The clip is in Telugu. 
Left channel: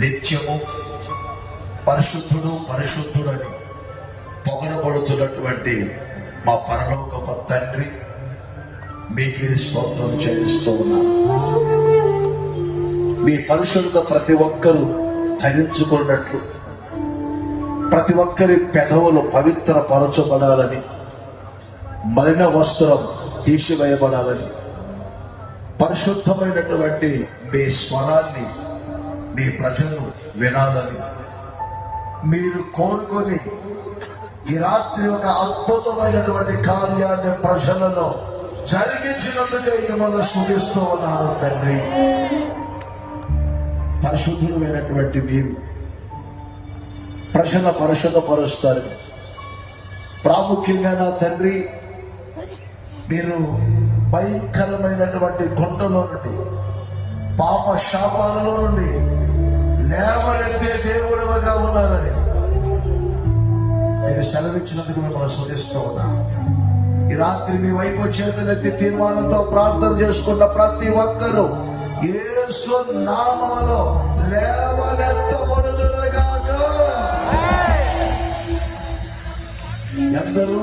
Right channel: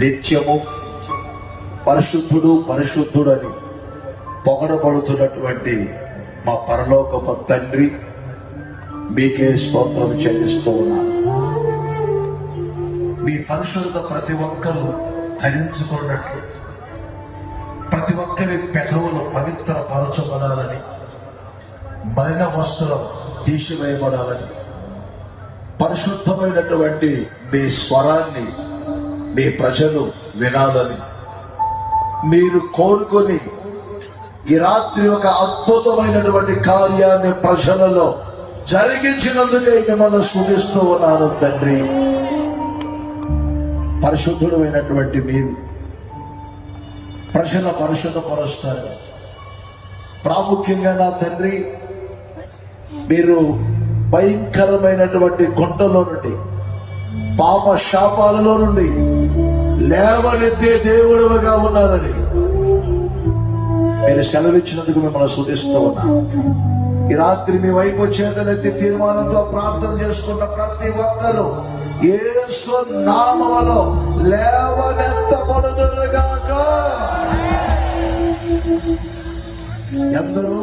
నిత్యము పరిశుద్ధుడు పరిశుద్ధుడు అని పొగడబడుతున్నటువంటి మా పరలోకపు తండ్రి, మీకే స్తోత్రం చెల్లిస్తూ ఉన్నాను. మీ పరిశుద్ధత ప్రతి ఒక్కరూ ధరించుకున్నట్లు, ప్రతి ఒక్కరి పెదవులు పవిత్రపరచబడాలని, మలిన వస్త్రం తీసివేయబడాలని, పరిశుద్ధమైనటువంటి మీ స్వరాన్ని మీ ప్రజలు వినాలని మీరు కోరుకొని ఈ రాత్రి ఒక అద్భుతమైనటువంటి కార్యాన్ని ప్రజలలో జరిగించినందుకే మిమ్మల్ని సూచిస్తూ ఉన్నాను తండ్రి. పరిశుద్ధుడు అయినటువంటి మీరు ప్రజల పరిశుద్ధపరుస్తారు. ప్రాముఖ్యంగా నా తండ్రి, మీరు భయంకరమైనటువంటి గుంటలో నుండి, పాప శాపాలలో నుండి లేవనెత్తే దేవుడుగా ఉన్నారని మీరు సెలవిచ్చినందుకు మిమ్మల్ని స్తుతిస్తూ ఉన్నాను. ఈ రాత్రి మీ వైపు చేతనెత్తి తీర్మానంతో ప్రార్థన చేసుకున్న ప్రతి ఒక్కరూ యేసు నామములో లేవనెత్తబడుదురుగాక. ఎందరూ